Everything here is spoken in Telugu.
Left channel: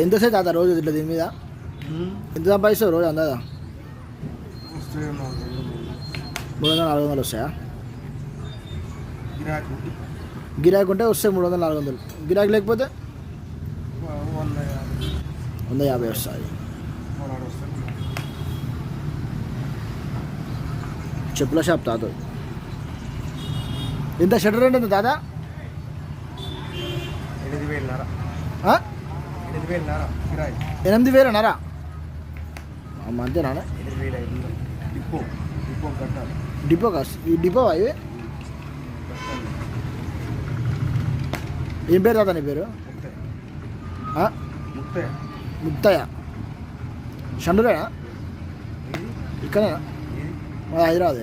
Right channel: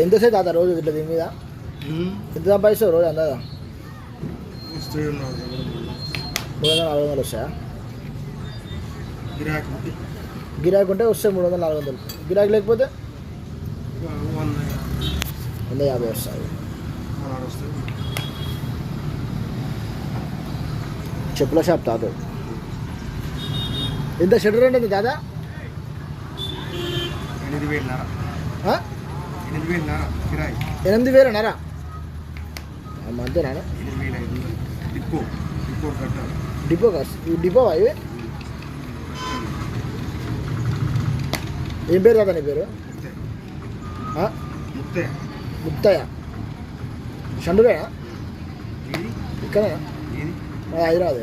ఎంతసేపు తాత రోజు ఇట్లా దీని మీద ఎంత సంపాదిస్తావు రోజు అందా 300-400 వస్తాయా? గిరాకీ ఉంటే వస్తే 300-400. గిరాకీ లేకపోతే 150 వస్తాయి. చెప్పుల షాప్ తాత. ఇంత షటర్ అంటే దాదా 8,000 అన్నారా? అంతేనా? Depot cost. ఈ డిపో అవి ఏం పేరు తాత నీ పేరు? ముత్తయ్య. షండురేనా? ఇక్కడేనా? హైదరాబాద్.